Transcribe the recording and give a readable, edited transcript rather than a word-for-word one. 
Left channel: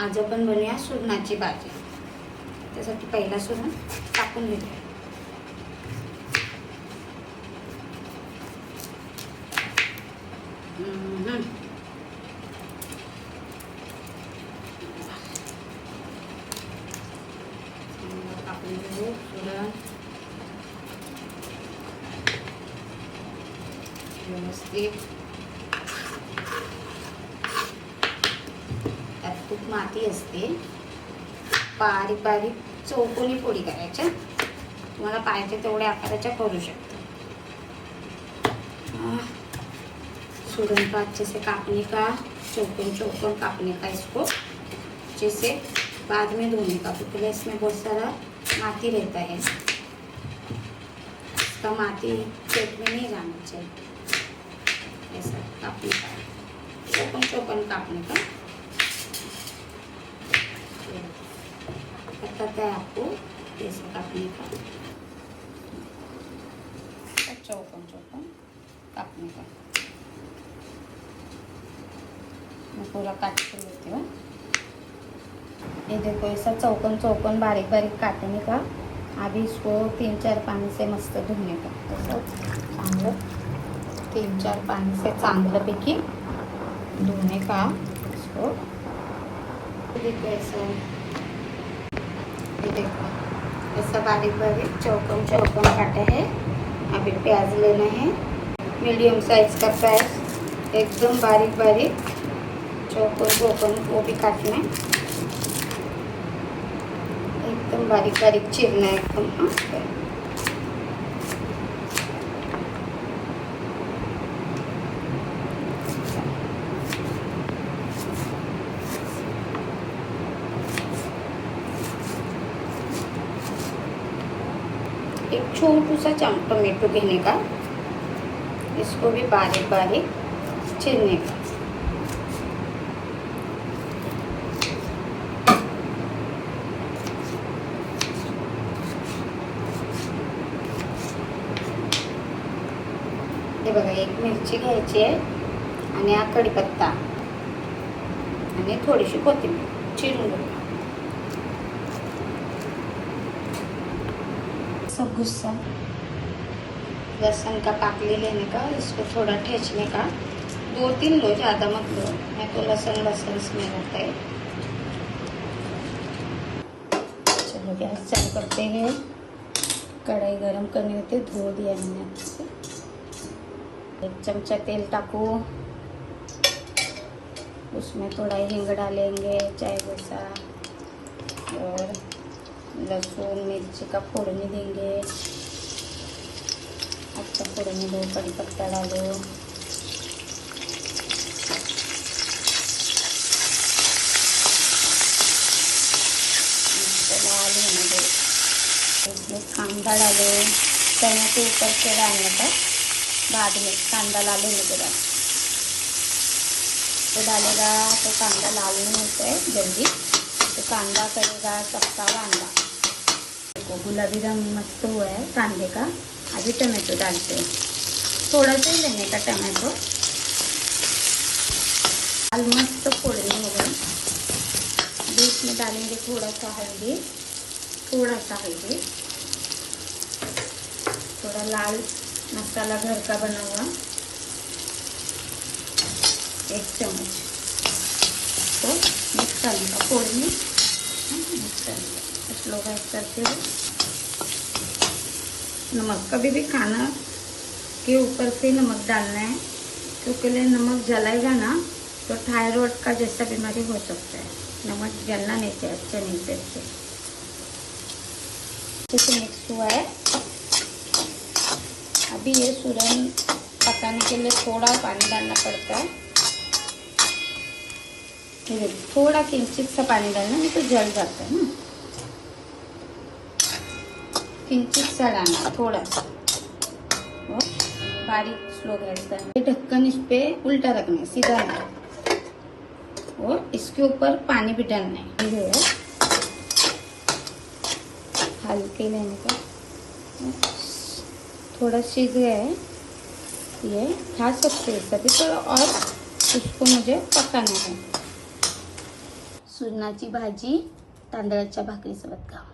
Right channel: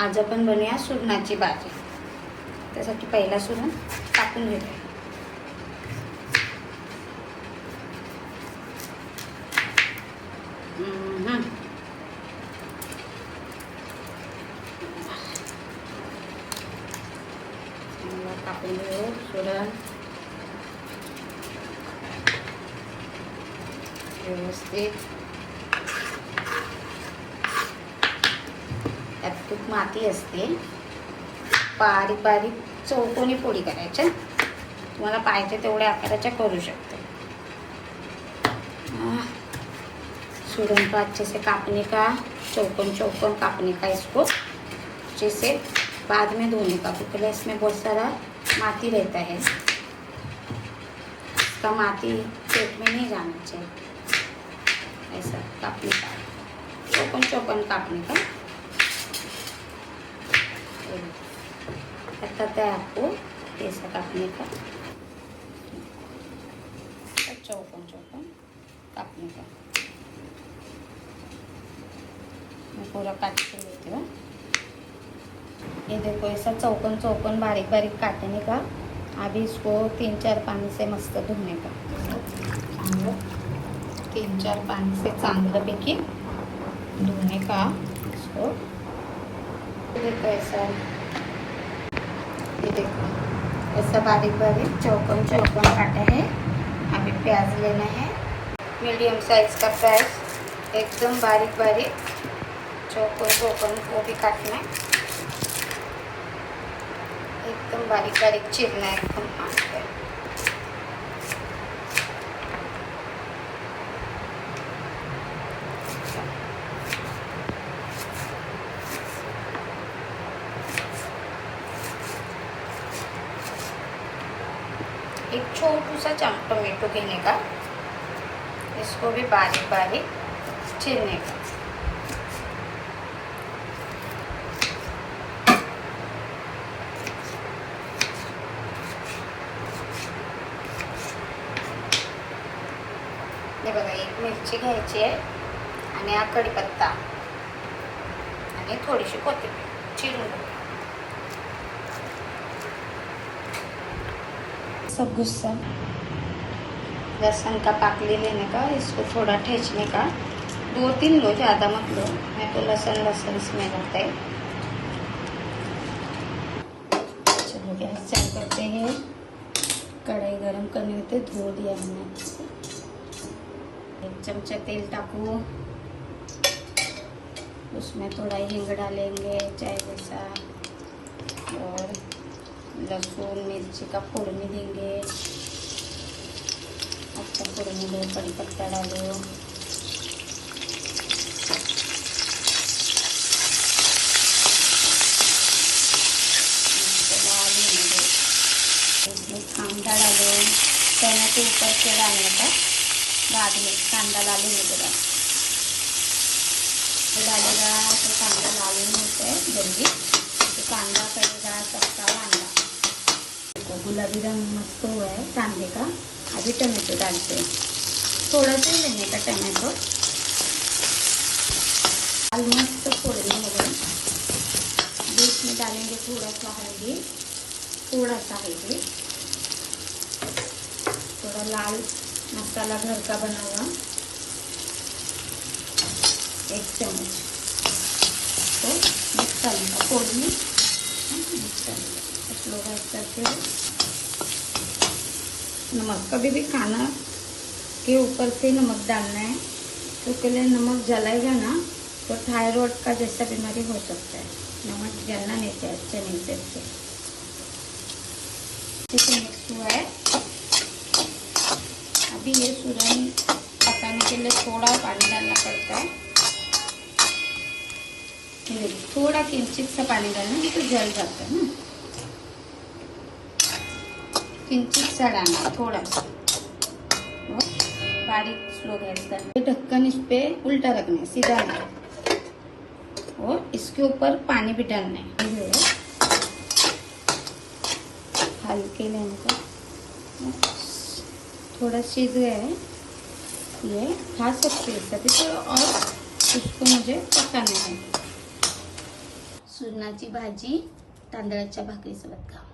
आज आपण बनवूया सुरणाची भाजी। त्यासाठी पहिला सुरण टाकून घेऊया। टाकून घेऊ सुरण व्यवस्थित। यात खूप माती असते, बारीक बारीक चौकोनी फोडी करायच्या। तुम्हाला पाहिजे तेवढ्या आकाराच्या करू शकते। सुरण को अच्छे से काटने का, चौकोन चौकोन काटने का इसको, जिसे बाद में धोने का, क्योंकि इसमें बहुत सारा माती रहता है। इसका माती पेट में नहीं जाना चाहिए। ऐसा काटने का, चौकोन चौकोन काटने का। पता है आपको ऐसा काटने का, चौकोन चौकोन काटने का। मैं पूरा काट के लेती हूँ। ये देखो ऐसा चौकोन चौकोन बारीक बारीक काटने का। अभी इसको 3-4 पानी से मस्त धोने का। चांगलं 3-4 पानी से चांगल्यापैकी धोने का इसको। देखो ऐसा बारीक बारीक चौकोन चौकोन काटे हैं। अभी प्याज लेने हैं, मीडियम साइज का प्याज, एकदम बारीक बारीक चौकोन चौकोन वो भी काटने, एकदम बारीक बारीक चिरना एकदम मस्त। एक छोटू सा टोमेटो लेने का, इसको भी बारीक बारीक छीलने का। हे बघा, एक मिरची घ्यायची आहे आणि हा कढीपत्ता आणि थोडीशी कोथिंबीर चिरून घ्यायची। सब गुस्सा लहसुन का पाक ले लेने का, इसको थोड़ा ठेचने का। 2-3 लो, ज़्यादा मत लो, मैं तो लहसुन स्मेल आता है। चलो गैस चालू करते हैं। कढ़ाई गरम करनी होती है, धो दिया हमने अच्छे से। 1 चमचा तेल टाकू, उसमें थोड़ा हींग डालेंगे चाय जैसा, और लहसुन मिर्ची का फोड़नी देंगे। अच्छा फोड़नी दो, कड़ी पत्ता डालो, इसमें कांदा डालो। चने के ऊपर से डालने का, बाद में कांदा डालेंगे के बाद तो डालेगा तो कांदा लाल नहीं होता है जल्दी, तो कांदा करेगा सबका वांदा। गुलाबी रंग मस्त हुआ है कांदे का। अभी टमाटो डालते हैं, थोड़ा सा ही लेने का टमाटो। लाल मस्त फोड़नी हो गई। बीच में डालेंगे थोड़ा सा हल्दी, थोड़ा लाल मसाला घर का बना हुआ 1 चम्मच, तो मिक्स करने का फोड़नी, मिक्स करने का स्लो गैस करते हुए। नमक कभी भी खाना के ऊपर से नमक डालना है, क्योंकि नमक जलाएगा ना तो थायराइड का जैसा बीमारी हो सकता है। नमक जलना नहीं चाहिए, अच्छे नहीं से इसे मिक्स हुआ है। अभी ये सुरन पकाने के लिए थोड़ा पानी डालना पड़ता है। थोड़ा किंचित सा पानी डालना, नहीं तो जल जाता है ना। किंचित सा डालना, थोड़ा सा, और बारीक स्लो गैस करना। ढक्कन इस पे उल्टा रखना है, सीधा नहीं, और इसके ऊपर पानी भी डालना है। जो है हल्के लेने का, थोड़ा सीज गया है, ये खा सकते हैं सभी, तो और इसको मुझे पकाना है। सुरणाची भाजी तांदळाच्या भाकरीसोबत खा.